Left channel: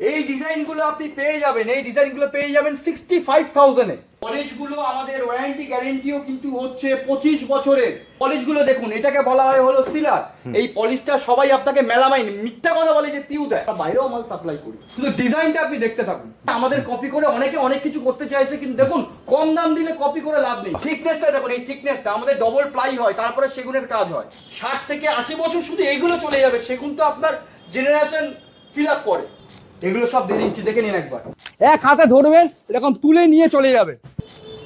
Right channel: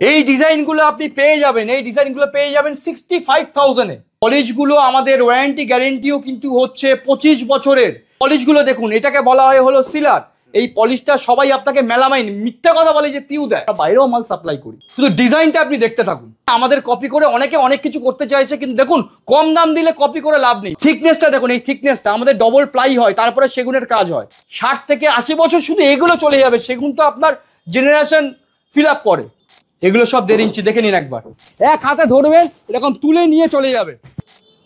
এই ডিজাইনগুলো আপনি পেয়ে যাবেন, এই ডিজাইনগুলো পেয়ে যাবেন 65,000-এ। পলিশগুলো আমাদের ওয়ারেন্টি গ্যারেন্টিও কিন্তু হচ্ছে 25 বছরের। পলিশগুলো দেখুন, এটাকে বলা হয় হলো সিলার। এই পলিশটা সবাই আপনাকে মেলামাইন মিথ্যা কথা বলে যে পিউ দেয়, বাইরেও মাল সাপ্লাই করি। শুধু ডিজাইনটা আপনি দেখতে থাকুন। আমাদের কপি করে অনেকে অনেক কিছু করতে চাইছে, কিন্তু দেখুন কম দাম দিলে কপি করে লাভ নেই। থিকনেসটা দেখুন, এই থিকনেসটা আমাদের ডবল প্লাই হয়, তারপরে সেগুনের কাজ হয়। 60 থেকে 80 বছর শুধু এগুলো চলে যাবে। সেগুন তো আপনার জেনারেশন ফিল আপ করে। এগুলো সব 1.5 ইঞ্চি, দেখে নিন একবার। এক হাতে ধরবেন, এরকম তুলে নিয়ে চলে যাবে।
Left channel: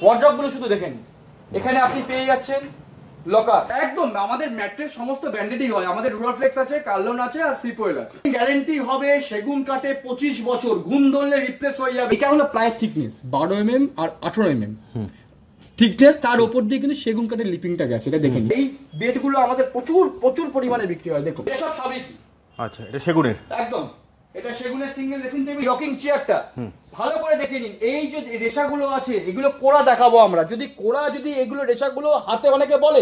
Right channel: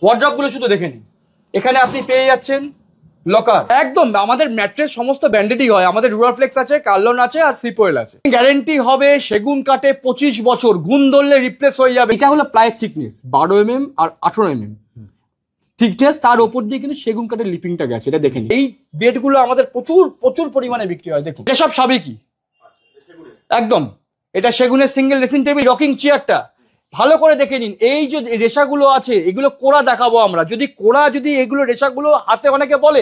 ওয়ার্ড্রপ গুলো শুধু দেখে নিন। এখানে আপনি পেয়ে যাচ্ছেন লকার। একদম আমাদের ম্যাট্রেস সমস্ত ব্র্যান্ডেডই হয়। আমাদের রুরাফ্লেক্স আছে, কার্লন আছে, আর স্লিপওয়েল আছে। গ্যারেন্টি হবে সেগুন কাঠে 25 বছর, গুণ ধরলে রিপ্লেস হয়ে যাবে। এটা হলো প্লাইয়ের থিকনেস 12 mm আর 18 mm থিকনেস। তার উপর দিয়ে কিন্তু সেগুন কাঠের লিপিংটা গেছে, এটা দেখে নিন। এই বেডগুলো আমাদের প্রচুর প্রচুর পরিমাণে বিক্রি হয়। দেখুন এসব সাবেকি। আচ্ছা, এটা সেগুনের একদম। এটা সেগুনের সিঙ্গেল ড্রেসিং টেবিল রকিং চেয়ারটা ভালো করে দেখে নিন। এই যে রেশাগুলো আছে, এগুলো কোড়া দেখাবো আমরা। যদি কোড়া, যদি এগুলো রেশাগুলো হাতে অনেকে বলে,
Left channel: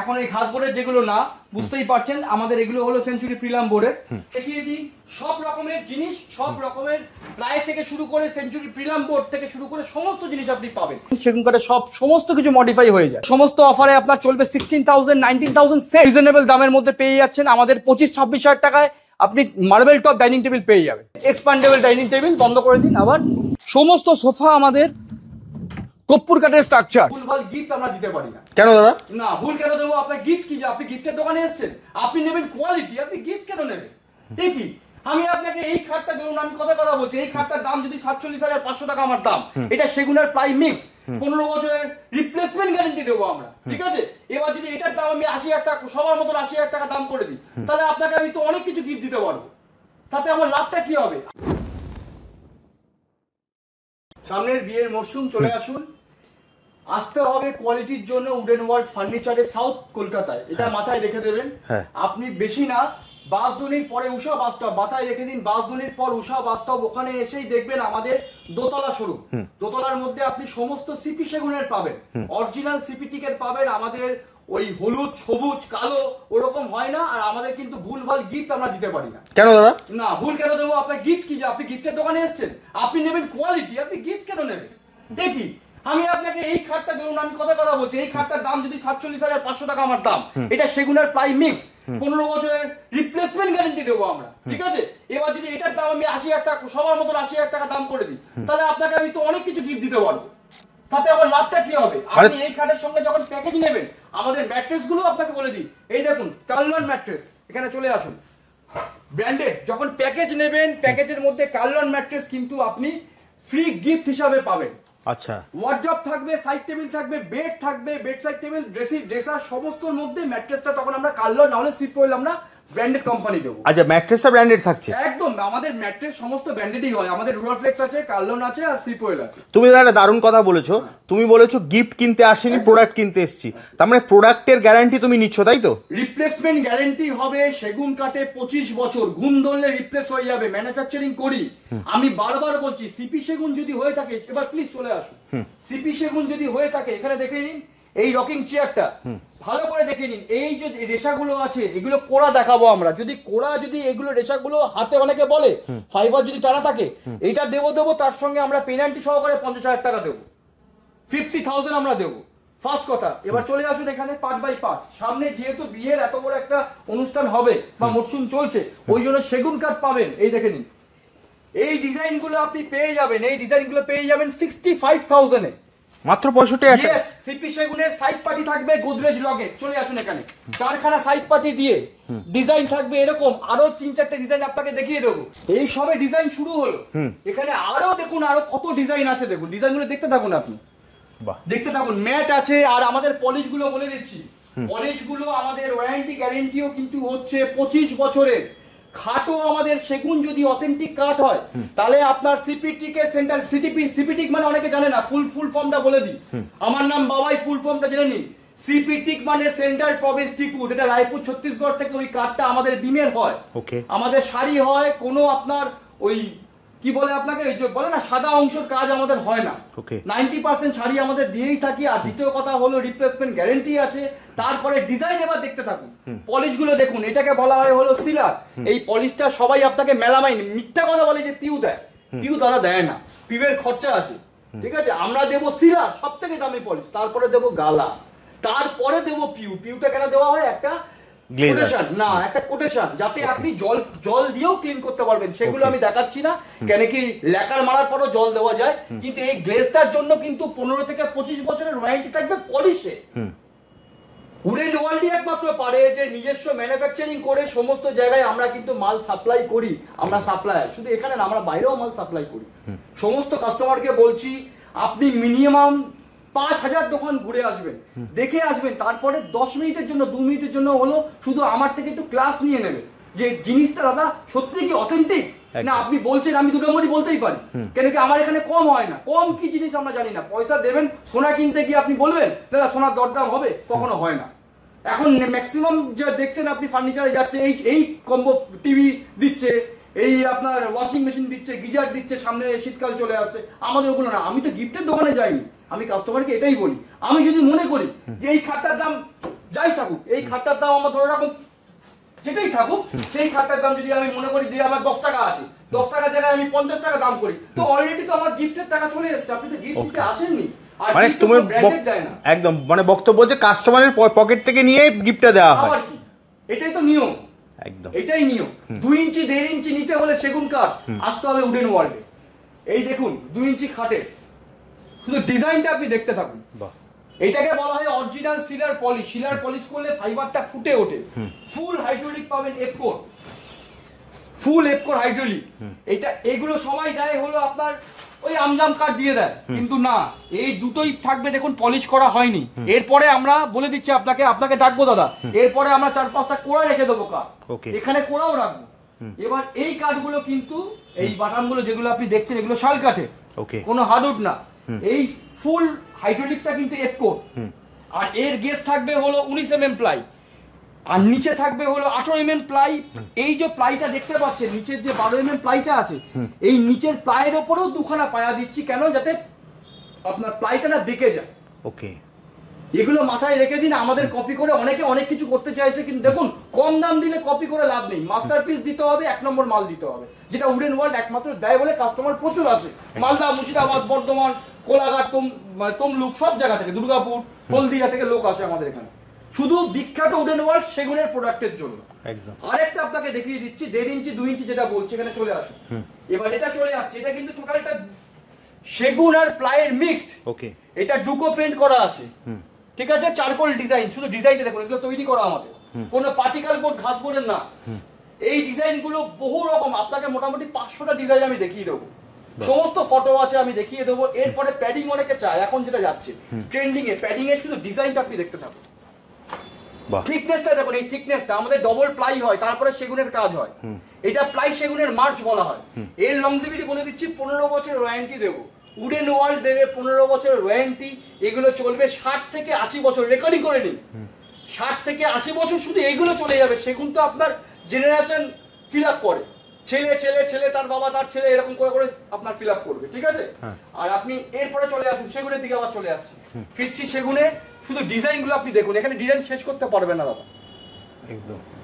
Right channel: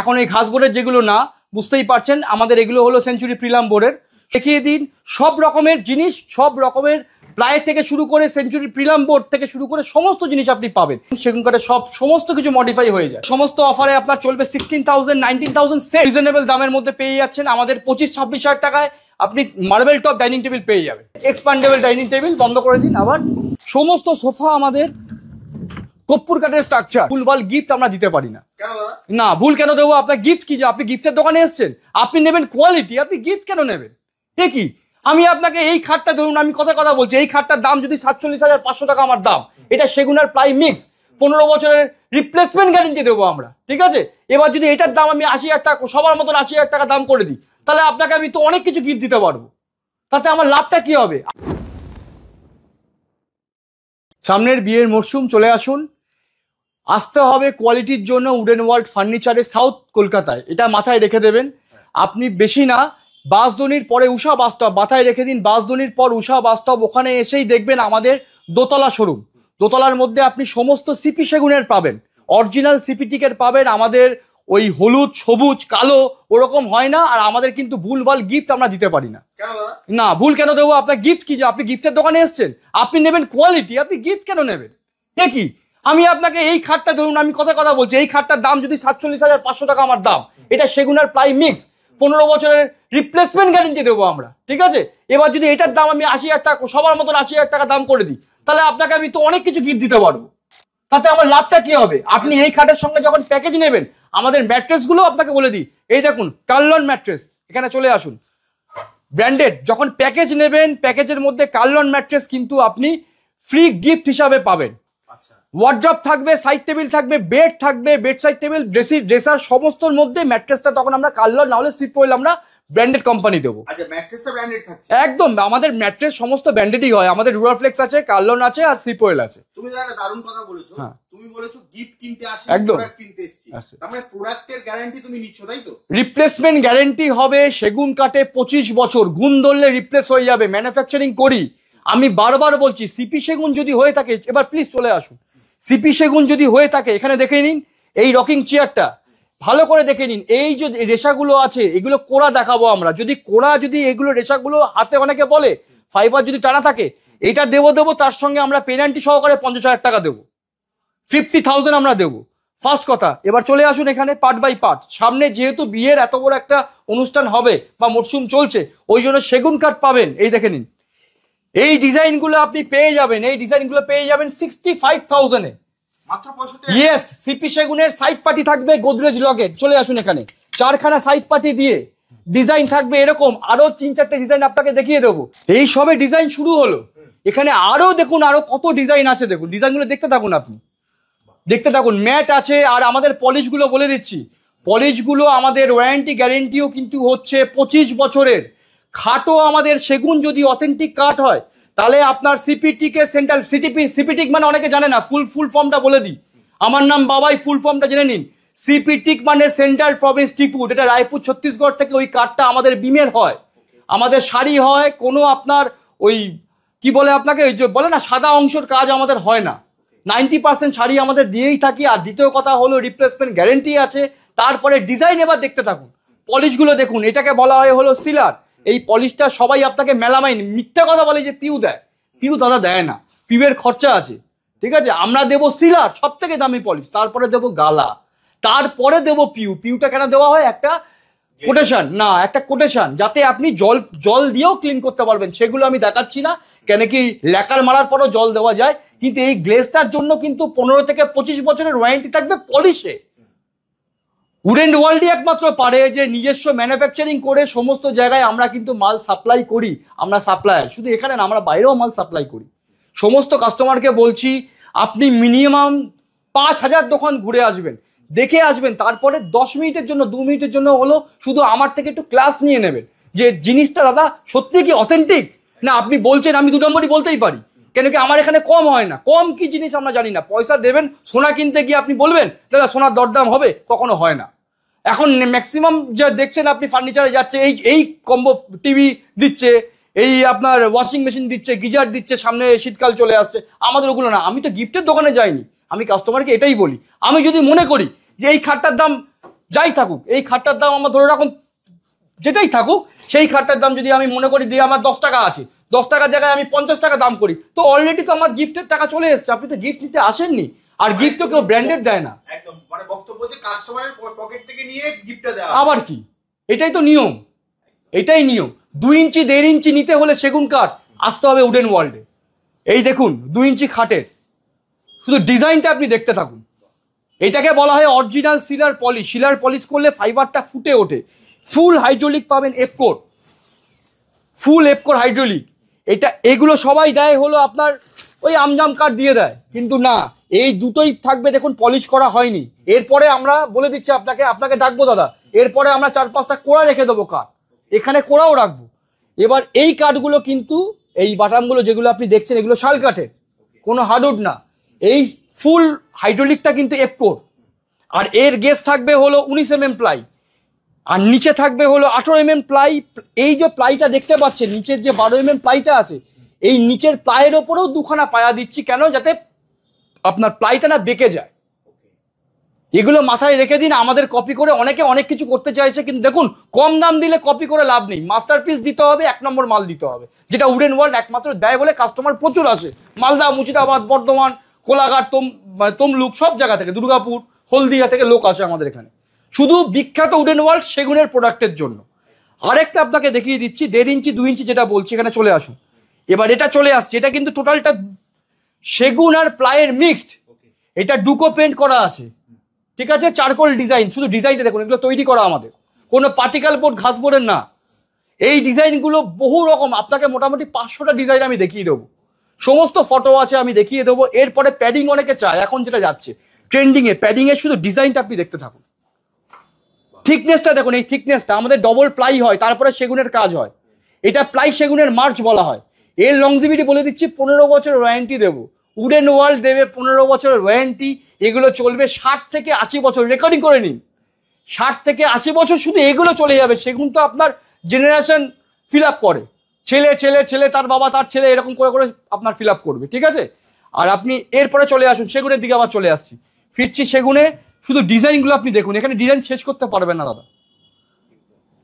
এখন এই ঘাস বোর্ডের যেগুলো না, বুঝতেই পারছেন আমাদের এগুলো হলো সেঞ্চুরি প্রিলাম বোর্ডের। দেখিয়ে দিন সব রকমের জিনিস, সব রকমের প্লাই থেকে শুরু করে সেঞ্চুরি প্রিলাম বোর্ড থেকে শুরু করে সমস্ত জিনিস আপনি পাবেন। সেগুন কাঠে সব সমস্ত কিছু মডিফাই হয়ে যায়। সমস্ত অফারে আপনার চলবে 16,000 19,000 সেট। রিজনেবল দামের মধ্যে পেয়ে যাচ্ছেন। আমাদের 25-26 হাজার টাকায় আপনি মার্বেল টপ ডাইনিং টেবিল পেয়ে যাবেন। এক্সপান্ডেবল ডাইনিং টেবিল বন্ধ করে দিন। আবার সমস্ত সোফা আমাদের কর্পূর কাঠের স্ট্রাকচার। ভুলভাল গিফট আমরা দিতে পারি না। কেন দাদা? না, ভুল কেন দেবো? আপনার গিফট কি? যে আপনি গিফটের দোকানে এসেছেন, আপনি নেবেন কোয়ালিটি, আপনি গিফট কেন নেবেন? দেখি আমি আপনাকে এই খাটটা, ধরুন আমি কথা বলছি, এই খাটটার দাম যদি 47,500 টাকা আমার দাম, এটা সেগুনের প্লাই মিক্স, 15 বছরের রিপ্লেসমেন্ট গ্যারেন্টি দেবো আমরা, ঠিক আছে? এবার যদি এটার দাম আমি 80,000 টাকা, সবার মতন 80,000 টাকা দাম করে দিই, তাহলে আপনাকে আমি তো অনেক কিছু গিফট দিতে পারবো। তাতে আমার লাভটা কি হবে? সামনের বিয়ের মরশুম চলে আসুন, আসতে হবে কোয়ালিটির জন্য উডেন ওয়ার্ল্ড ফার্নিচারে সাউথ কলকাতায়। এটা মাথায় রেখে দেবেন। আপনি বেশি না, বাঁশদনির পরে উষা বাস্তব মাথায় রেখে দিন। বাঁশদনির পর উষা বাস্তব, ওখানে এসেই দেখবেন আমাদের দোতলা শোরুম। দোতলার মধ্যে আপনি সমস্ত সিপি সেগুনের পাবেন, অরিজিনাল সিপি টিকের পাবেন। আমাদের ওই হলুদ, সবুজ, কালো ওরকম হয় না। আর আমাদের কিন্তু ভুলভাল গিফট আমরা দিতে পারি না। কেন দাদা? না, ভুল কেন দেবো? আপনার গিফট কি? যে আপনি গিফটের দোকানে এসেছেন, আপনি নেবেন কোয়ালিটি, আপনি গিফট কেন নেবেন? দেখি আমি আপনাকে এই খাটটা, ধরুন আমি কথা বলছি, এই খাটটার দাম যদি 47,500 টাকা আমার দাম, এটা সেগুনের প্লাই মিক্স, 15 বছরের রিপ্লেসমেন্ট গ্যারেন্টি দেবো আমরা, ঠিক আছে? এবার যদি এটার দাম আমি 80,000 টাকা, সবার মতন 80,000 টাকা দাম করে দিই, তাহলে আপনাকে আমি তো অনেক কিছু গিফট দিতে পারবো। তাতে আমার লাভটা কি হবে? আপনি এই খাটের সঙ্গে যখন প্যাকেজ নেবেন, আমাদের ম্যাট্রেস গুলো আপনাকে বলে দিই, এই দেখুন কার্লন ম্যাট্রেস, এখানে চলে আসুন। ব্র্যান্ডেড যখন প্যাকেজ নেবেন, প্যাকেজের মধ্যে কার্লন ম্যাট্রেস কিন্তু আপনি ফ্রি গিফট হিসাবে পাবেন। আচ্ছা, ওয়ার্ড্রপ থাকবে, সাইড টেবিল থাকবে, বেড থাকবে, বেড সাইড টেবিল, ড্রেসার সমস্তর মধ্যে ম্যাট্রেসটা তখন আমরা কার্লন না হলে স্লিপওয়েল আমরা ব্র্যান্ডেড কোম্পানি দেবো। আচ্ছা, ম্যাট্রেসটা ব্র্যান্ডেড থাকছে? একদম, আমাদের ম্যাট্রেস সমস্ত ব্র্যান্ডেডই হয়। আমাদের রুরাফ্লেক্স আছে, কার্লন আছে, আর স্লিপওয়েল আছে। তুমি একটা দারুণ কথা বলেছো। তুমি বলেছো গিফট কিনতে আসেনি, প্রোডাক্ট কিনতে এসেছি। তার মানে প্রোডাক্টের গ্যারান্টি তুমি নিচ্ছ, তাই তো? রিপ্লেসমেন্ট গ্যারান্টি হবে সেগুন কাঠে 25 বছর, গুণ ধরলে রিপ্লেস হয়ে যাবে। ম্যানুফ্যাকচারিং করি আমি, বারবার বলছি। সিপি সেগুন যদি হয়ে থাকে, এবার প্লিজ চলে আসুন। সিপি সেগুন যদি হয়ে থাকে, এখানে দেখে নিন এই রকিং চেয়ারটা ভালো করে দেখে নিন। এই যে রেশাগুলো আছে, এগুলো কোড়া দেখাবো আমরা। যদি কোড়া, যদি এগুলো রেশাগুলো হাতে অনেকে বলে ফাইবার যদি টানা থাকে, এটা দেবো। তার সঙ্গে আমরা পেনাল্টি সহকারে 50,000 টাকা দেবো, 50,000 আমরা দেবো। ফার্স্ট কথা। এবার চলে আসুন এখানে পার্ট বাই পার্ট। সামনে যেহেতু বিয়ের এত বড় একটা অনুষ্ঠান হবে বা মরশুম চলছে, ওই জন্য সেগুন কাঠ পাবেন। এই দেখে নিন, এই ডিজাইনগুলো আপনি পেয়ে যাবেন, এই ডিজাইনগুলো পেয়ে যাবেন 65,000-এ, মাত্র 65,000। ইয়েস, সিপি সেগুনের সাইড পার্টি থাকবে গোদরেজ লগের। চলে আসুন এখানে, 4খানা সাইড পার্টি দিয়ে ডিজাইন থাকবে এরকম। আরো 3-4টে ডিজাইন আপনাকে দেখিয়ে দেবো। এই সবে ডিজাইন শুরু হলো, এখানে আরো দেখুন, আরো কত ডিজাইন আছে। দেখুন ডিজাইনগুলো দেখতে থাকুন, আপনি দেখতে থাকুন। ম্যাট আছে, আর আমাদের পলিশগুলো বলে দিচ্ছি, পলিশগুলো আমাদের ওয়ারেন্টি গ্যারেন্টিও কিন্তু হচ্ছে 25 বছরের। খাটও আমাদের সেগুন যদি অথেন্টিক কাঠ হয়, তাহলে আপনার সিপিটিক এর সেন্টার, সিপিটিক মানে অনেকে জানে না, ফুল ফর্মটা বলে দিই। আমার নাম বাবাই, ফুল ফর্মটা জেনে নিন। সিপিটিক মানে সেন্ট্রাল প্রভিন্স টিকউড, এটা রায়পুর ছত্তিশগড় থেকে ওই কাঠটা আমাদের বিমের হয়, আমাদের শাড়ি হয়। কোনো আপনার ওই কি বলে আপনাকে, ওই যে বলে না সাদা অংশের কাজ আমাদের হয় না, 90% শাড়ি আমাদের দিয়েই থাকি। আর দ্বিতীয় কথা হলো রিপ্লেসমেন্ট গ্যারেন্টি আছে। তারপরে ডিজাইন এবার দেখতে থাকুন, পলিশ গুলো দেখুন, এটাকে বলা হয় হলো সিলার। এই পলিশটা সবাই আপনাকে মেলামাইন মিথ্যা কথা বলে যে পিউ দেয়, পিউ দাদা দেয় না, পিউয়ের খরচা আছে, ঠিক আছে। আমরা দেবো সিলার, সব থেকে দামি পলিশ, তারপরে দেবো গালা, তারপরে দেবো পিউ। পিউটা কেন দেওয়া হয়, একটা কোটেশন না, একটা কোটেশন, যাতে আপনি জল দিয়েও ক্লিন করতে পারবেন। সেগুলো আমি দেখাচ্ছি না, কেন কি ল্যাকার মারার পরও জল দেওয়া যায়, কিন্তু এই গ্লেজটার জন্য কিন্তু 15 থেকে 25 বছরের ওয়ারেন্টি থাকবে পলিশে। উডেন ওয়ার্ল্ডই একমাত্র পারে যে নিজস্ব ম্যানুফ্যাকচারিং করে সমস্ত জায়গায় আমরা কিন্তু মাল সাপ্লাই করি। আমরা সাপ্লায়ার, শুধু এখানে না, আমরা বাইরেও মাল সাপ্লাই করি। সমস্ত কাস্টমারকে বলছি, আপনি মিনিমাম 5000 দোকান ঘুরে আসবেন, দেখে আসবেন, তারপরে 10 মিনিটের জন্য 2 মিনিটের জন্য হলো শুধু আমার থেকে একটু ক্লাস নিয়ে নেবেন যে জিনিসটা দাদা সত্যি কি অথেন্টিক না। আপনি বলছেন, আমি 2 নম্বরই বলতেই পারি, কেন কি আমার এখানে কম হয় না। কম কি জিনিস আমরা জানি না। পয়সা দেবেন সোনা কিনতে গিয়ে, আপনি বলবেন দাদা সোনার দরদাম হবে, কখনো হয় না। এখন ম্যাক্সিমাম যা দেখছেন আপনি ফার্নিচারে যাচ্ছে, এই কম্বো টিভি দিচ্ছে, এই আপনার ওয়াশিং মেশিন দিচ্ছে, গিজার দিচ্ছে, সামনে শীতকাল চলে আসছে। আমাদের ওগুলো না। আমি তো গিফটের দোকানে যাইনি, আমি কাস্টমারকে এটাই বলি, আমি যদি মনে করি যে এই খাটটার দাম যাই থাকুক, এই খাটটার দাম আমার ধরে রাখুন যেটাই থাকুক, সেই খাটটার দাম যদি আমি মনে করি দিয়ে আমার 10 টাকা আছে, 10 টাকার জায়গায় আমি 50 টাকা দাম করি, তো অলরেডি তো আমার গিফটের টাকা চলে এসছে। আপনি তো গিফট দিতে আসেননি, আর গিফট তো ব্র্যান্ডেড দেয় না। একদম মানে বক্তব্য যে কাস্টমারের পকেট থেকে নিয়ে গিফটটা দেওয়া, আবার কি, এটাই তো নিয়ম, একদম এটাই নিয়ম। 2 ইঞ্চি 1.5 ইঞ্চি নিতে হলে সেগুন কাঠ আসতে হবে উডেন ওয়ার্ল্ডে। এই দেখুন 2 ইঞ্চি খাটের শুধু ডিজাইনটা আপনি দেখতে থাকুন। এটাকে বলা হয় অরিজিনাল সিলার পলিশ। সিলার পলিশ করলে ফাইবারটা ফুটে ওঠে। ফুল হাইড্রোলিক পাবেন, এপকোর, ফুল এপকোর হাইড্রোলিক। এটা এগুলো সবাই দেয় হলো আপনার ওই আমজাম কাঠ দিয়ে দেয়, কিন্তু না, এই দুটোই থাকবে দেখুন, পলিশ করা হয়নি। এরপরে আমরা বলে দিচ্ছি আপনাকে ডাকবো দাদা, এরপরে আমরা 4-5টা কোড়া রেখে দেবো কাঠ, এখানে কোড়াও রাখবো। এবার এই কাঠগুলো কিন্তু, এই বাটামগুলো যেগুলো আপনি দেখছেন, এগুলো শাল কাঠের, কোনো হার্ডউড না। এই ফুল হাইড্রোলিকটা কিন্তু এপকোর, আর এর গেজ থাকবে হলো 19 mm প্লাই, আর নিচে থাকবে হলো 18 mm প্লাই। এই যে প্লাইটা দেখতে পাচ্ছেন, নিচের যে 12 mm প্লাইটা আছে, এই নিচের প্লাইয়ের ওপরেও 2খানা পায়া দিচ্ছি, কেন, যাতে আপনার প্লাইটা না বেঁকে যায়। এগুলো মাথায় রেখে দিন। আমাদের কপি করে অনেকে অনেক কিছু করতে চাইছে, কিন্তু দেখুন কম দাম দিলে কপি করে লাভ নেই। মাস্টারপিস দিতে হবে, 1 নম্বর মাল দিতে হবে, যেটা উডেন ওয়ার্ল্ড একমাত্র দেয় বলে কাস্টমার প্রচুর আসে। মালদা, মুর্শিদাবাদ, বর্ধমান, কোলাঘাট, তমলুক, সব জায়গা থেকে, দুর্গাপুর, হলদিয়া থেকে লোক আসে আমাদের এখানে, শুধু বিখ্যাত উডেন ওয়ার্ল্ড সেগুনের প্রোডাক্টের জন্য। আরেকটা আপনাকে দেখিয়ে দিচ্ছি, 1.5 ইঞ্চি 2 ইঞ্চি যেটা বলছি, এখানে চলে আসুন। এবার এটা চলে আসছে, এটা কিন্তু টোটালটা সেগুন আর প্লাইয়ের মিক্সড। এটা ডুকো পেন্ট করা আছে, ঠিক আছে, চারকোল ডিজাইন। শুধু ডিজাইনটা দেখুন, এগুলো তৈরি করা আমাদের, কোনো পার্টিকেল বোর্ড, ঘাস বোর্ডের না। এই ডিজাইনগুলো বহু রকম, আপনাকে মোটামুটি 500টা ডিজাইন আমি দেখিয়ে দেবো, সমস্ত ফটো আছে আমি দেখিয়ে দেবো। এরপরে প্যাডিং অনেকে চায়, এখন যেটা যাচ্ছে ট্রেন্ডিং এ, প্যাডিং এর শুধু ডিজাইনটা আপনি দেখতে থাকুন। থিকনেসটা দেখুন, এই থিকনেসটা আমাদের ডবল প্লাই হয়, তারপরে সেগুনের কাজ হয়। এটা প্লাই সেগুনের মার্চ বলা হয়। এর লংজিভিটি বলে দিচ্ছি, 15 বছরের ওয়ারেন্টি দেবো। উডেন ওয়ার্ল্ড দেবে 15 বছরের ওয়ারেন্টি। এগুলো চলবে 60 থেকে 80 বছর, রেকর্ডিং করে নিন, 60 থেকে 80 বছর শুধু এগুলো চলে যাবে। সেগুন তো আপনার জেনারেশন ফিল আপ করে, ছেলে ছেলে ছেলে, তার বাবা, তার ছেলে, এরকম করে করে আপনার ফিল আপ করবে, ঠিক আছে। আর আপনি এরপরে চলে আসুন সেগুনের দিকে, আবার চলে আসছি, ফিরছি সেগুনে। শুধু ডিজাইনগুলো আপনি দেখুন, এখানে ডিজাইন শেষ করতে পারবেন না দাদা।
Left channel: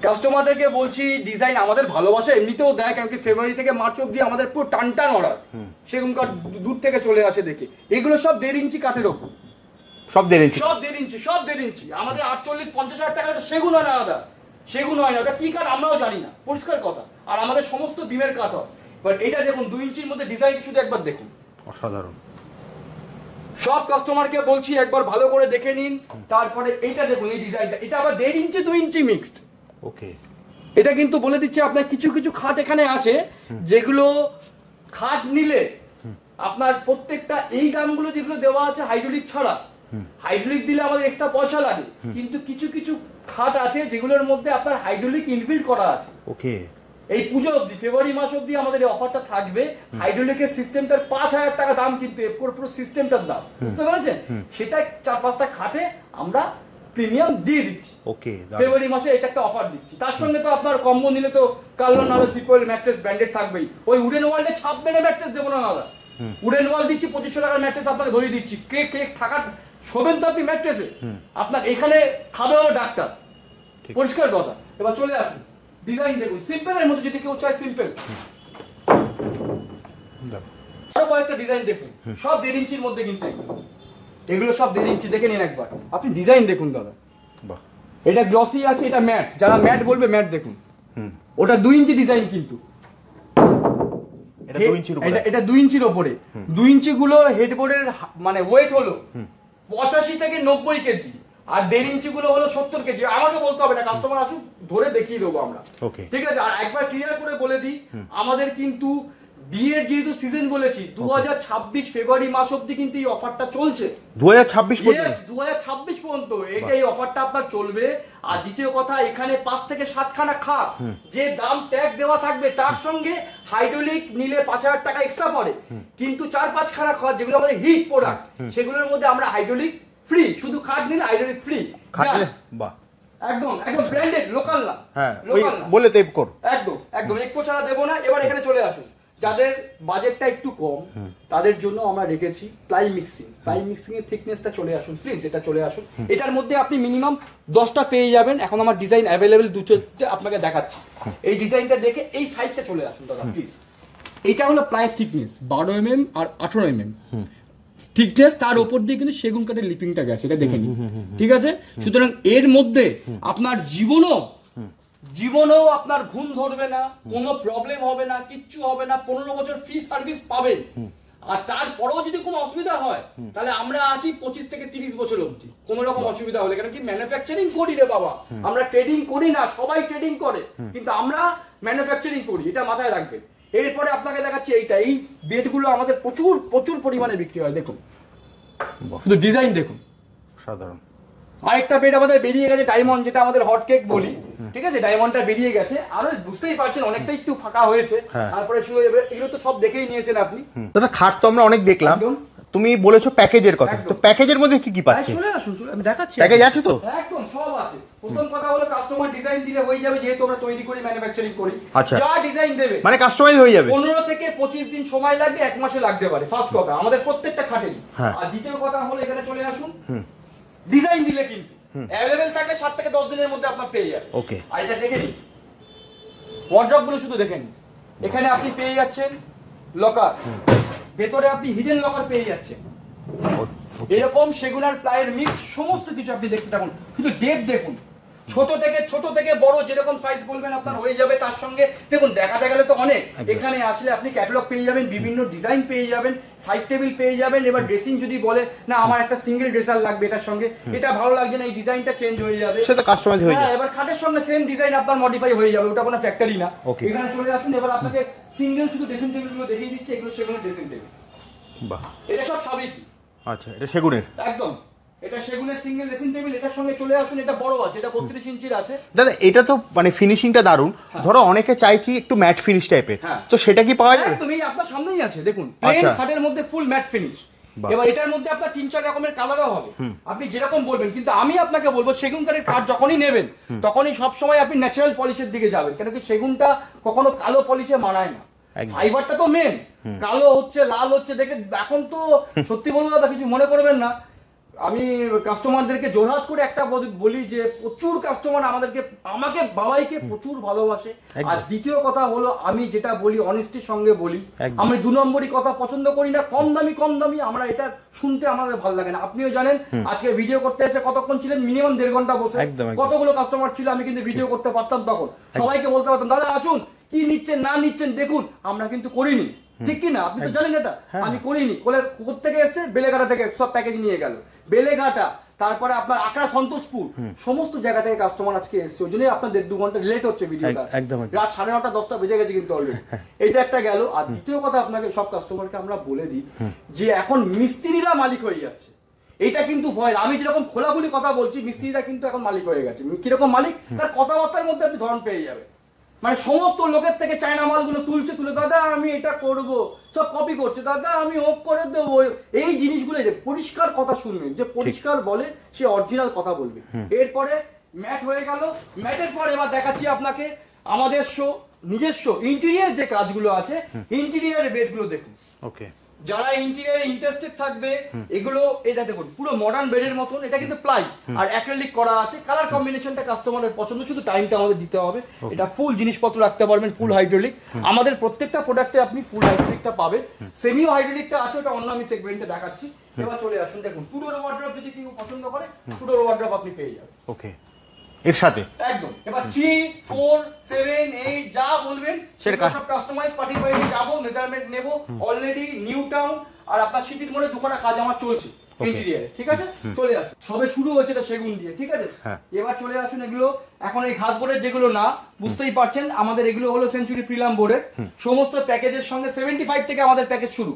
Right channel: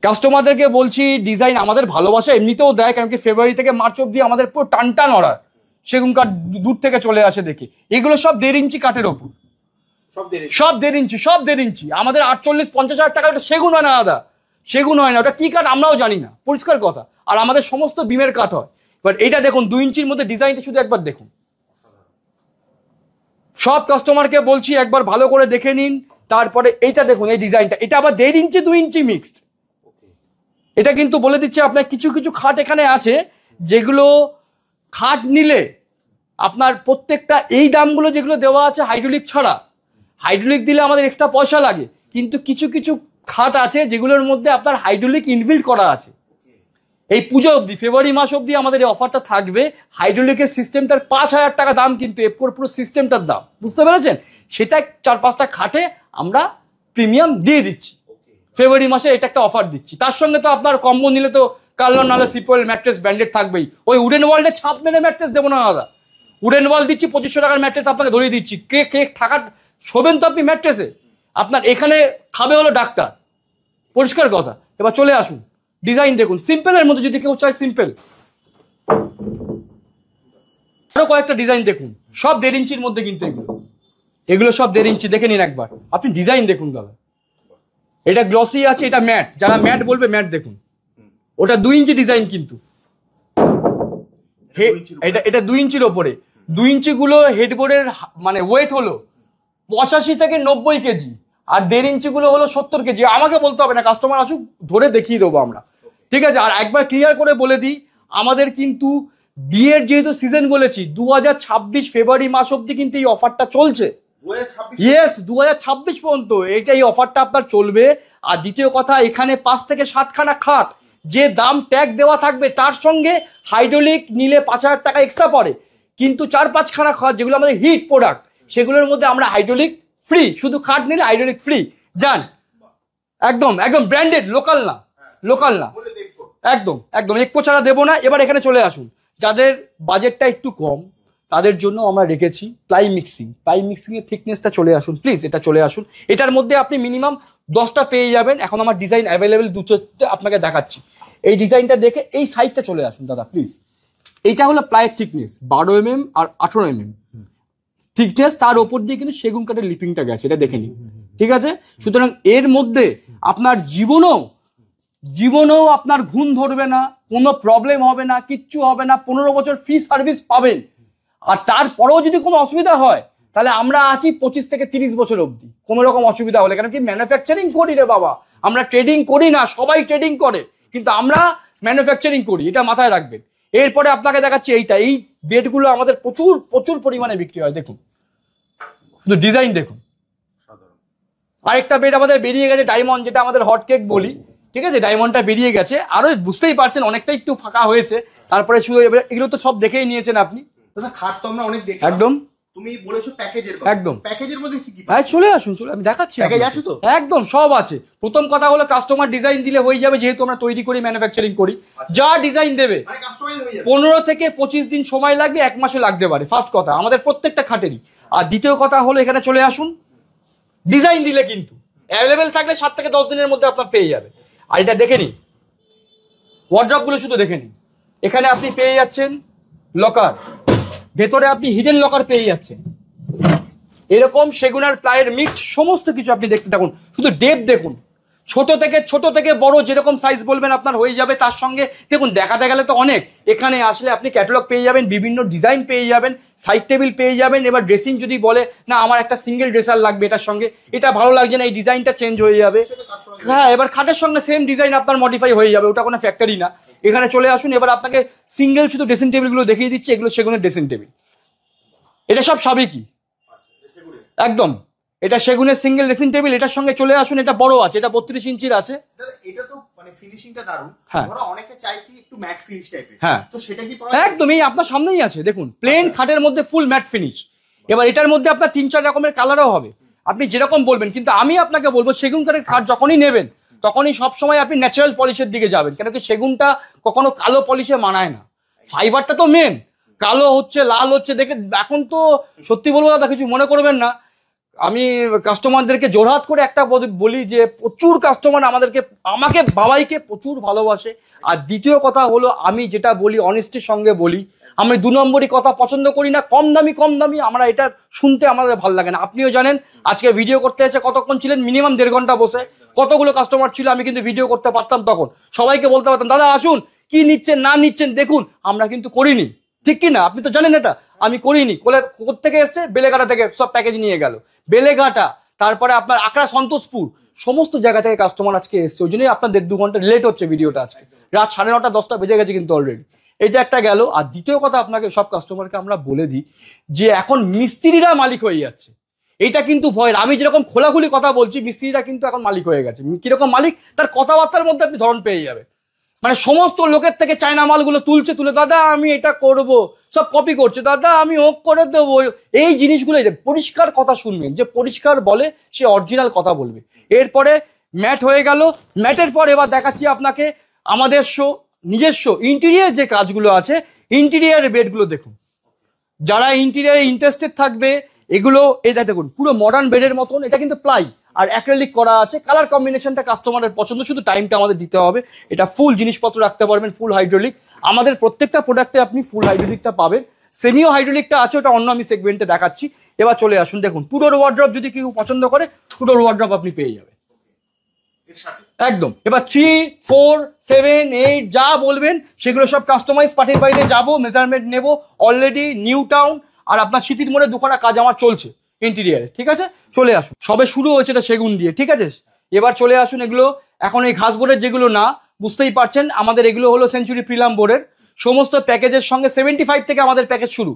কাস্টমারদেরকে বলছি, ডিজাইন আমাদের ভালোবাসা এমনিতেও দেয়, কারণ কি ফেব্রুয়ারি থেকে মার্চ অব্দি আমাদের পুরো টান অর্ডার, সেগুন কাঠ দূর থেকে চলে আসে দেখি। এগুলো সব 1.5 ইঞ্চি কাঠের ওপর, সব 1.5 ইঞ্চি। আমাদের 48-50 হাজার টাকা ওটা সেগুন হয় না দাদা, সেগুন হয় না, ওটা কি কাঠ আমরাও জানি না, পরিষ্কার কথা। আর আমাদের সমস্ত বিমের কাঠ হয়। বাট এটা দেখুন 2 ইঞ্চির মধ্যে ডিজাইনটা শুধু একবার দেখুন, অসাধারণ। সব কাস্টমারকে বলছি একবার ভালো করে দেখে নিন। তারপরে এইটা দেখুন, এই ডিজাইনটা, এটা আবার 1.5 ইঞ্চি 2 ইঞ্চি মিক্সড। এটা কিন্তু বলে দিচ্ছি আপনার, কিছু কিছু খাট এখানে আছে যেগুলো খাট নিলে আপনার প্রত্যেকটা এই দামগুলো যেগুলো দেওয়া আছে হাইড্রোলিক ছাড়া, হাইড্রোলিক দিলে আমাদের এক্সট্রা পয়সা লাগে, কিন্তু কিছু কিছু খাট আছে যেগুলোর মধ্যে আপনার হাইড্রোলিক ইনবিল্ট করা আছে। এই পুজো অবধি, ফেব্রুয়ারি মাস অবধি আমাদের এই অফারটা থাকবে। হাইড্রোলিকের সিস্টেমটার 5000 টাকা দাম, কিন্তু এপকোর পুরো সিস্টেমটার দাম, বুঝতে পেরেছেন? সেটা 4-5টা খাটে আমরা প্রিমিয়াম দিয়ে দিচ্ছি। ওকে, ফেব্রুয়ারি মাসে এটা একটা অফার দিচ্ছি। তার সঙ্গে তো আপনার কম্বো নিলে তো কার্লন নাহলে সিপোয়েল ম্যাট্রেস ব্র্যান্ডেড থাকবেই। ওই উডেন ওয়ার্ল্ডে ছাপ মেরে ম্যাট্রেস দেবো না দাদা। উডেন ওয়াল দিচ্ছি 2500 টাকার ম্যাট্রেস আপনাকে ধরিয়ে দিচ্ছি। কে থাকার শোবেন তো আপনি ম্যাট্রেসে, আপনার এখানে খাবে হলো ডাক্তার, পরিষ্কার কথা। এবার চলে আসুন, ডিজাইন দেখুন সিম্পলের মধ্যে, যদি কেউ চায় সিম্পল আরো কয়েকটা ডিজাইন দেখুন, সব 1.5 ইঞ্চির মধ্যে কিন্তু এগুলো সব 1.5 ইঞ্চি। দেখে নিন একবার, আপনি ডিজাইন দেখুন দাদা। এটা গ্লসি আছে, এটা ম্যাট, যারা ম্যাট বলবে ম্যাট দেখুন। ওটা 2 ইঞ্চি ডিজাইন কিন্তু এটা 2 ইঞ্চির ওপরে। 2 ইঞ্চি গুলো হেডবোর্ডের মানে ওয়েট হলো 85 থেকে 90 কেজি, আর 1.5 ইঞ্চি গুলো হলো 70 কেজি। আমাকে বলতে হবে না, কাস্টমার আসুক ধরে দেখিয়ে দেবো আমরা, ঠিক আছে। আর একবার ক্লিয়ার করে বলে দিই, আমাদের কিন্তু বিয়ের যেহেতু সিজন বলেছি, 2026 ফেব্রুয়ারি মাস অব্দি কিন্তু এই অফারটা চলছে। 2026? ইয়েস, 2026 পর্যন্ত এটা এই অফারটা আপনার চলবে। আর দ্বিতীয় কথা, এখানে 5 থেকে 7 খানা খাট, যে দাম ট্যাগ দেওয়া থাকবে তার সঙ্গে হাইড্রোলিক নিলে 5000 টাকা এক্সট্রা পড়ে, কিন্তু 4-5 খানা খাট যেগুলো আমাদের হিট প্রোডাক্ট, সেগুলোর মধ্যে আমরা হাইড্রোলিক ফ্রি, শুধু খাট নিলে হাইড্রোলিক ফ্রি। জান একদম একদম ব্র্যান্ডেড, লোকাল না, লোকাল না বলে দেব কর, একদম একদম একো ছাড়া দেবো না। এবার এখানে চলে আসুন, যাদের বাজেটটা একটু কম তাদের জন্য আমরা রেখেছি প্লাই মিক্সিং। প্লাই মিক্সিং এর থিকনেসটা চলে আসুন প্লিজ, এটা চলে আসুন। এটার মধ্যে আপনি মিনিমাম 10টা পেয়ে যাবেন। এখন আমার ডিজাইন অ্যাভেলেবেল 2-4টে আপনাকে দেখাচ্ছি। এই ডিজাইনটা দেখে এই সাইজটা চলে আসুন দাদা প্লিজ। এইটা হলো প্লাইয়ের থিকনেস 12 mm আর 18 mm থিকনেস, তার উপর দিয়ে কিন্তু সেগুন কাঠের লিপিংটা গেছে, এটা দেখে নিন, ঠিক আছে। সুতরাং এর মধ্যে আপনার জীবনেও আপনার ঘুম ধরবে না, কোনো প্রবলেম হবে না, কিচ্ছু হবে না। 15 বছর ফ্রি সার্ভিস পাবেন। আর তারপরেও যদি কোনো অসুবিধা হয় তাহলে আমরা আছি 25 থেকে 30 বছর অবধি, কোনো রকম অসুবিধা হলে। কেন কি ম্যানুফ্যাকচারিং করি রে বাবা, আমরা ট্রেডিং করি না, সবাই ট্রেডিং করে, কিন্তু আমরা ম্যানুফ্যাকচারিং করি, এটা মাথায় রাখবেন। এরপরে আপনাকে দেখাচ্ছি এইটা, এই বেডগুলো আমাদের প্রচুর প্রচুর পরিমাণে বিক্রি হয়। দেখুন শুধু ডিজাইন দেখুন, সাধারণ। আরেকটা বেড আমাদের বেরিয়ে গেছে ডায়মন্ড, যেটা আমাদের হট কেক বলি, ঠিক আছে। ডায়মন্ডটা বেরিয়ে গেছে, আরো বুঝতেই পারছেন অনেকটা একটু ফাঁকা হয়েছে। তারপরে শুধু এগুলো তো সব দেখেই নিয়েছেন আপনি দাদা। খাট তো আমরা অনেক দেখলাম, একদম। তুমি বলেছো প্যাকেজের কথা, একদম। প্যাকেজের মধ্যে কি কি পাচ্ছি? চলে আসুন, চলে আমি দেখাচ্ছি। প্যাকেজ আছে তো? একদম সব আছে। প্রথম কথা হলো কাস্টমার ডিজাইন দিলে হয়ে যাবে, যেহেতু আমরা তৈরি করি, ম্যানুফ্যাকচারিং করি। যা ডিজাইন দেবে মানে কাস্টমাইজ হয়ে যাবে। 15 থেকে 25 দিন সময় লাগবে, 1 মাসে লাগতে পারে, ফার্স্ট কথা আমাদের প্রত্যেকটা খাটেরই। আর দ্বিতীয় কথা হলো এখানে চলে আসুন, ডিজাইন দিলে কিন্তু অ্যাভেলেবেল থাকলে 7 থেকে 10 দিনের মধ্যে আপনার পেয়ে যাবে। ওকে, আর এটা দেখে নিন, ওয়ার্ড্রপ গুলো শুধু দেখে নিন। এখানে আপনি পেয়ে যাচ্ছেন লকার, ভেতরে আপনি হিডেন লকার পেয়ে যাচ্ছেন, এরকম সেগুনের প্লাইয়ের মিক্স সমস্ত কিছু আপনি দেখতে থাকুন। শুধু ডেপ দেখুন, ছোট থেকে বড় যেরকম সাইজ বলবেন আপনার হয়ে যাবে। তার সঙ্গে দেখুন দেখাতে গেলে তো অনেক, এখানে আসলে আপনি ক্যাটালগ পেয়ে যাবেন, বিভিন্ন ডিজাইন পেয়ে যাবেন, সাইড টেবিল পেয়ে যাবেন। এবার ড্রেসিং যদি বলে না আমার একটা সিঙ্গেল ড্রেসার লাগবে এটার সঙ্গে, এটা ভালো লাগছে না, এই ডিজাইনটা চেঞ্জ হয়ে যাবে, সেটা কাস্টমাইজ হয়ে যাবে। হ্যাঁ, এবার খাটের সঙ্গে সেম ডিজাইন আপনার মডিফাই হয়ে যাবে, ওটা কোনো ফ্যাক্টরি না। এখানে চলে আসুন, এবার আপনাকে সিঙ্গেল শুধু ড্রেসিং টেবিল গুলো দেখিয়ে দিচ্ছি। এগুলো সেগুনের ড্রেসিং টেবিল, এটা সব সাবেকি। আচ্ছা, এটা সেগুনের, একদম এটা সেগুনের সিঙ্গেল ড্রেসিং টেবিল। এটার সঙ্গে চলে আসুন, এটা বড় আছে, এটা 32 ইঞ্চির আছে দাদা। এটা তো মানে ফিনিশিংটা দারুণ। ধরো অনেকে চাই কি একটু ম্যাট ফিনিশ টাইপের, তো সেটা কি পাওয়া যায়? একদম, এই আপনার সামনেই আছে দেখুন, প্লেন খাটের মধ্যে ফুল ম্যাট ফিনিশ। এবার এটার মধ্যে আপনার 3-4 রকমের কালারও হবে, আপনি যেরকম বলবেন। কিন্তু আমি আপনাকে বলবো সেগুন কাঠের খাট যখনই নেবেন তখনই সবসময় আপনি ন্যাচারাল পলিশের দিকে যাবেন, কেন কি সেগুনটা কখনো কালো পলিশে মানায় না। ফাইবারটা তো মেন, কালো হচ্ছে লাল হচ্ছে দেখে এখন তো সত্যি বলবো দাদা, কিছু মনে করবেন না, আমি কাস্টমারদেরকে জোরহাত করে একটা বলি যে প্রচুর কাস্টমার আমাকে বাবাইকে প্রচুর ভালোবাসে। আর দ্বিতীয় কথা হলো আমি যেটা বলি অনেস্টির সঙ্গে বলি, আমি 2 নম্বরই কথা পছন্দ করি না। কম দামি আমরা এটা শুনতে আমাদের ভালো লাগে না। আপনিও জানেন আজকে ভিডিও করতে এসে কতক্ষণ ছিলেন, মিনিমাম 1.5 ঘন্টা বসে। কতগুলো কাস্টমার ছিল, আমি কিন্তু ভিডিও করতে পারতাম তখন, সবাইকে বলতে পারতাম দাদা আসুন, কি নিচ্ছেন না নিচ্ছেন দেখুন। আমরা কিন্তু করিনি, ঠিক কি না? আপনি তো জানেন এটা, আমি করিনি। কোথেকে এসছে? বেলেঘাটা থেকে সব প্যাকেজ নিয়ে গেল, বেলেঘাটা, তারপরে আপনার আকরা, সন্তোষপুর, সমস্ত জায়গা থেকে কাস্টমার আজকে এসছে। ওই জন্যই আপনার 1.5-2 ঘন্টা লেট হচ্ছে ভিডিওটা। রাত 9:30 10টা বেজে গেছে কিন্তু অলরেডি। এইটা একটা গেল। আর দ্বিতীয় কথা আপনাকে সব কাস্টমারকে আমরা বলে দিই যে এখন মিস্ত্রিরা মালিক হয়ে যাচ্ছে, এটা কিন্তু ভয়। আমি যেরকম খোলাখুলি কথা বলছি, মিস্ত্রিরা কিন্তু এখন মালিক হয়ে গেছে। কিরকম মালিক? তার কথাবার্তার মধ্যে আপনি ধরন পেয়ে যাবে। মানে সমস্ত লোকের থেকে চায়না মালগুলো তুলে দাদা আমি এটা করব, সব কপি করছে, দাদা আমি ও করে দেবো। এই জিনিসগুলো পরিষ্কার কথা শুনবেন, যে পরিষ্কার বলে সে অরিজিনাল কথা বলবে। এরপরে ম্যাট হয়ে গেল। ম্যাটের পর এবার দেখাচ্ছি আপনাকে আমাদের নিজস্ব ইন্টেরিয়ার যে কাজগুলো আছে, ইন্টেরিয়ারের বেডগুলো দেখুন। ওকে, যারা ইন্টেরিয়ারে ইন্টারেস্টেড থাকবে, এগুলো এটা দেখুন পুরো মডার্ন বেডের মতন। এটা কিন্তু প্লাই আর অ্যাক্রিলিক করা আছে। কালার কম্বিনেশনটা কাস্টমারের পছন্দ, শুধু টাইমটা আমাদের দিতে হবে। এটা ফুল জিনিসপত্র রাখতে পারবেন, ফুল হাইড্রোলিক। আমাদের প্রত্যেকটা প্রোডাক্টে আপনি ফুল হাইড্রোলিকটা পাবেন। সেমিও হাইড্রোলিকটা আছে, ওটা অন্য আমি সেগমেন্টে দেখাচ্ছি। এবার চলে আসুন, দেখুন টু ডোর ওয়ার্ড্রপ যদি কেউ পছন্দ করে, টু ডোর ওয়ার্ড্রপ আপনি পেয়ে যাবেন। ওকে, এর সাথে একদম। এবার 3, 4, 7, 8 যা বলবেন সেগুলো সব কাস্টমাইজ পাঠিয়ে বাড়িতে যাবো, মেজারমেন্ট নেব। অলরেডি নিউ টাউন আর আপনার স্মৃতির মোড়ে দুখানা কাজ আমার চলছে ইন্টেরিয়ারে, ঠিক আছে? চলে আসুন, সবে শুরু হয়েছে এটা সেগুন দিয়ে, ঠিক আছে? এবার চলে আসুন, এগুলো এখন এই ঘাস বোর্ডের যেগুলো না, বুঝতেই পারছেন আমাদের এগুলো হলো সেঞ্চুরি প্রিলাম বোর্ডের। সমস্ত প্যাকেজের সঙ্গে 75 থেকে আমাদের প্যাকেজ শুরু,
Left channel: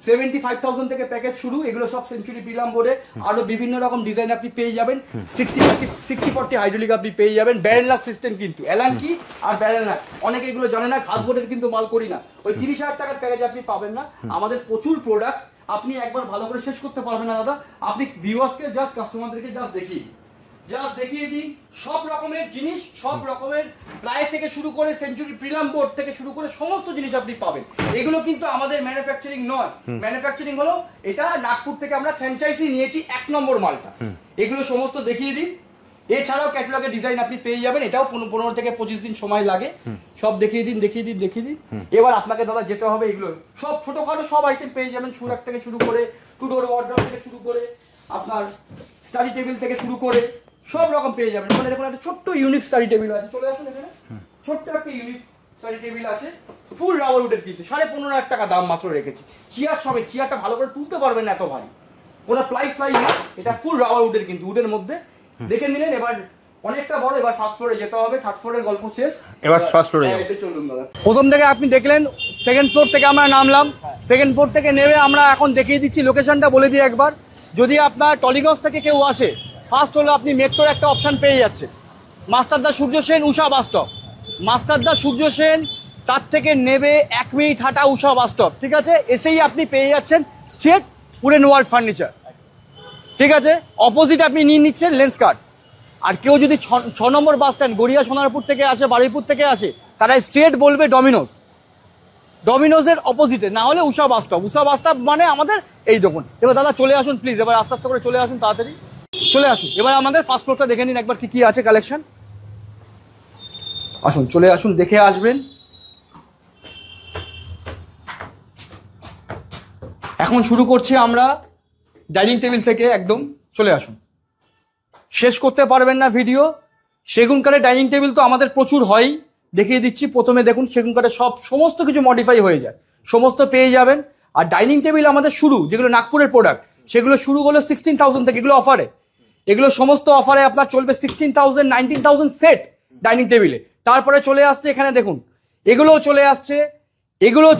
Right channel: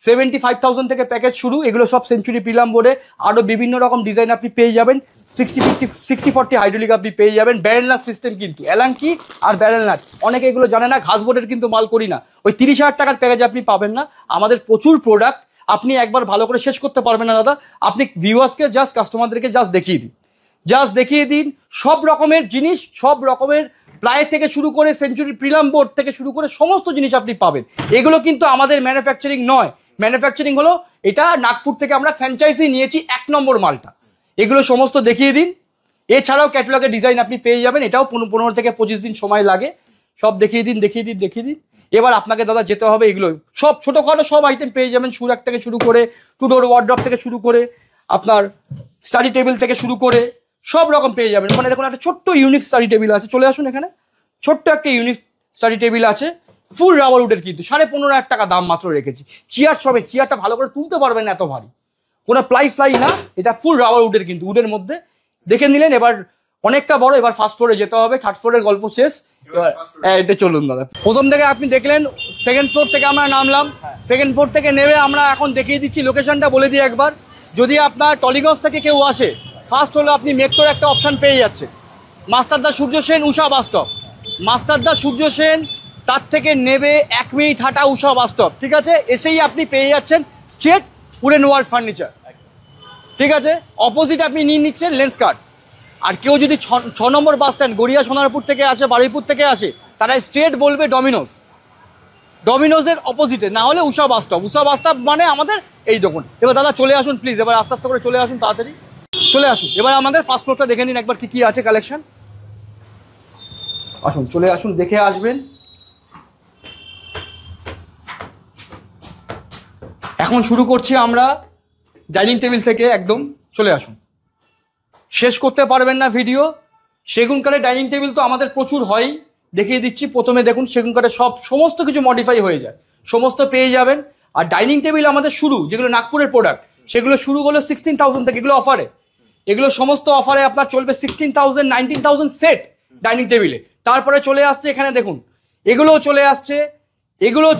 75,000 থেকে প্যাকেজ শুরু। এগুলো সব সেঞ্চুরি প্রিলাম বোর্ডে। আরো বিভিন্ন রকম ডিজাইন আপনি পেয়ে যাবেন। 60-40 হাইড্রোলিক আপনি পেয়ে যাবেন। ব্যারেল সিস্টেম কিন্তু অ্যালাঙ্কি আর ব্যারেল নাট, অনেকে এগুলো জানে না। ঘাস বোর্ডের কিন্তু মাল করি না। ওই 30,000 টাকার প্যাকেজ আপনি পাবেন না। আমাদের প্রচুর প্রোডাক্ট, আপনি একবার ভালো করে শেষ করতে পারবেন না দাদা। আপনি ভিউয়ার্সকে জাস্ট, কাস্টমারদেরকে জাস্ট দেখিয়ে দিন সব রকমের জিনিস, সব রকমের প্লাই থেকে শুরু করে সেঞ্চুরি প্রিলাম বোর্ড থেকে শুরু করে সমস্ত জিনিস আপনি পাবেন। এগুলো কিন্তু আমাদের ম্যানুফ্যাকচারিং নয়। ম্যানুফ্যাকচারিং হলো এটা নাগপুর থেকে আমরা ফ্র্যাঞ্চাইজি নিয়েছি 1 নম্বর মালটা। এগুলো সমস্ত দেখিয়ে দিন। এছাড়াও ক্যাটালগের ডিজাইন আপনি পেয়ে যাবেন, এটাও 15 থেকে 25 দিন সময় লাগে। সব দেখিয়ে দিন। এবার আপনাকে দাদা যেতে হবে, এগুলো সব ছোটখাটো সব আইটেম পেয়ে যাবেন। সুরাক থেকে শুরু করে, টু ডোর ওয়ার্ড্রপ থেকে শুরু করে, আপনার স্টাডি টেবিল থেকে শুরু করে সব রকম পেয়ে যাবেন। মানে দেখুন একটা ছোট্ট ইউনিক স্টাডি টেবিল আছে, চলে আসুন এখানে। ছোট্ট একটা ইউনিক স্টাডি টেবিল আছে, ফুল রাবার উডের, কিন্তু 15,500 টাকা দাম মাত্র রেখেছি। চেয়ার সবে, চেয়ারটা ভালো করে তুলতে পারবেন না, এত ভারী। কোনো প্লাই না, এটা ফুল রাবার উডের, কিন্তু উডের মধ্যে দেখে নিলেন। এবার অনেকটা বড়, এবার ফার্স্ট ফ্লোরে যেতে হবে। থার্ড ফ্লোরের গল্প শেষ, এবার ফার্স্ট ফ্লোরে। এটা চলুন দাদা। প্রথম থেকে আপনি দেখলেন, সেকেন্ড ফ্লোর থেকে আমরা নামলাম। সেকেন্ড ফ্লোর থেকে নেমে আমরা এখন দেখিয়ে দিচ্ছি লোকেশনটা বলে দিই একবার। যদি আপনার টলিগঞ্জ থেকে কেউ আসে, ফার্স্ট হলো আপনি মেট্রোর একটা অপশন পেয়ে যাচ্ছে, মাস্টারদা সূর্য সেন, উষা বাস স্টপ। মাস্টারদা সূর্য সেন, তার থেকে নেবে 1 মিনিট হাঁটা উষা বাস স্টপ, ঠিক আছে? এসেই আপনি পেয়ে যাচ্ছেন স্ট্রেট উডেন ওয়ার্ল্ড ফার্নিচার, ঠিক আছে? অপোজিট আপনি নিয়ে নিচ্ছেন লেন্স কার্ড। আর কেউ যদি 6 নম্বর বাস স্ট্যান্ড গড়িয়া সোনারপুর থেকে আসে, বারুইপুর থেকে আসে, তারা স্ট্রেট বলবে ডমিনোজ। ডমিনোজের অপোজিটে, না হলে উষা বাস স্টপ। উষা বাস স্টপ মানে আমাদের এই দোকান। এবার দাদা চলে আসুন প্লিজ, এবার আস্তে আস্তে করে চলে আসুন, তাড়াতাড়ি চলে আসুন। এবার আমাদের ফার্স্ট ফ্লোরটা দেখে নিন একবার, কি আছে কালেকশন। আসুন, চলে আসুন, দেখে আসবেন। এখন শুরু করছি আমরা ডাইনিং টেবিল থেকে, একদম চলে আসুন। শেষ করতে পারবেন না ভিডিও। সেগুন কাঠের ডাইনিং টেবিল তো আমাদের প্রচুর হয়, দেখিয়ে দিচ্ছি। প্রথমে দেখুন, সেগুন কাঠের সমস্ত কিছু মডিফাই হয়ে যায়, সমস্ত পেয়ে যাবেন। আর ডাইনিং টেবিল আমাদের শুরু, যেগুলো নাগপুরের প্রোডাক্ট, সেগুলো শুরু হলো 16,000 থেকে। এগুলো অফারে, এগুলো সমস্ত অফারে আপনার চলবে 16,000, 19,000 সেট ডাইনিং টেবিলে। তারপরে চলে আসছে এখানে দেখুন, এগুলোও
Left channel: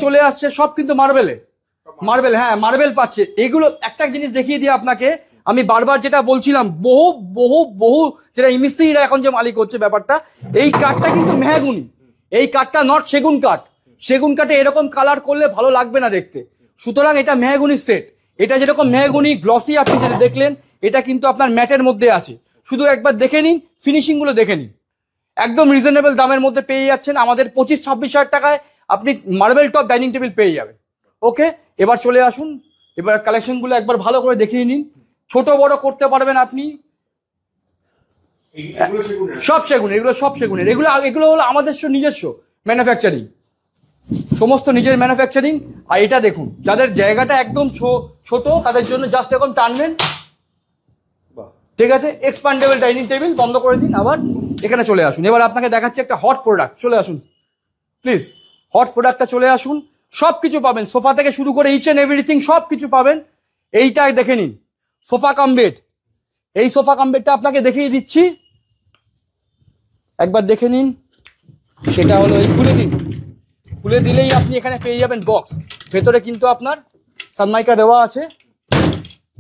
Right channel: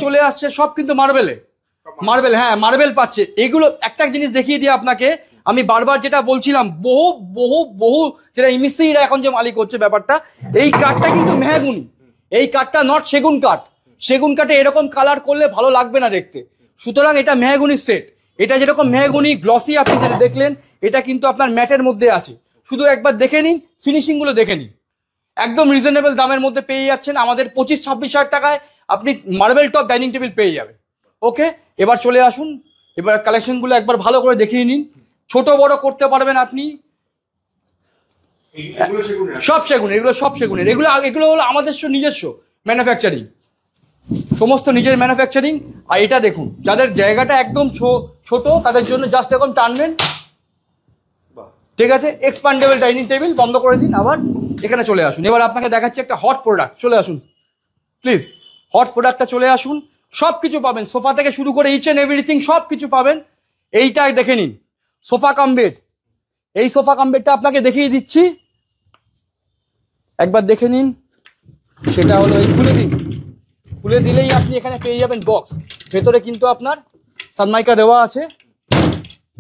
চলে আসছে সব কিন্তু মার্বেল, হ্যাঁ মার্বেল পাচ্ছে। এগুলো একটা জিনিস দেখিয়ে দিয়ে আপনাকে, আমি বারবার যেটা বলছিলাম, বহু যেটা ইমিস্ত্রিরা এখন যে মালিক হচ্ছে ব্যাপারটা, এই কাঠটা কিন্তু মেহগুনি। এই কাঠটা নট সেগুন কাঠ। সেগুন কাঠে এরকম কালার করলে ভালো লাগবে না দেখতে। সুতরাং এটা মেহগুনির সেট। এটা যেরকম মেহগুনি গ্লসি আপনি যেটা দেখলেন, এটা কিন্তু আপনার ম্যাটের মধ্যে আছে। শুধু একবার দেখে নিন, ফিনিশিং গুলো দেখে নিন। একদম রিজনেবল দামের মধ্যে পেয়ে যাচ্ছেন। আমাদের 25-26 হাজার টাকায় আপনি মার্বেল টপ ডাইনিং টেবিল পেয়ে যাবেন। ওকে, এবার চলে আসুন, এবার কালেকশন গুলো একবার ভালো করে দেখিয়ে নিন। ছোট বড় করতে পারবেন আপনি, সব সেগুন, এগুলো সব সেগুনের। এগুলো হলো আমাদের নিজস্ব ম্যানুফ্যাকচারিং, সমস্ত নিজের ম্যানুফ্যাকচারিং। আর এটা দেখুন, যাদের জায়গাটা একদম ছোট, তাদের জন্য জাস্ট এরকম টানবেন, ঠিক আছে? এক্সপান্ডেবল ডাইনিং টেবিল বন্ধ করে দিন, আবার এখানে চলে আসুন। এবার আপনাকে দেখাচ্ছি একটা হট প্রোডাক্ট, চলে আসুন প্লিজ। হট প্রোডাক্টটা চলে আসুন, সবকিছু পাবেন, সোফা থেকে শুরু করে ইচ এন্ড এভরিথিং সবকিছু পাবেন। এইটাই দেখে নিন, সোফা কাম বেড। এই সোফা কাম বেডটা আপনাকে দেখিয়ে দিচ্ছি, একবার দেখে নিন। সেটা হলো এই, খুলে দিলেই আপনি এখানে পেয়ে যাবেন বক্স। ভেতরে কিন্তু আপনার সানমাইকা দেওয়া আছে,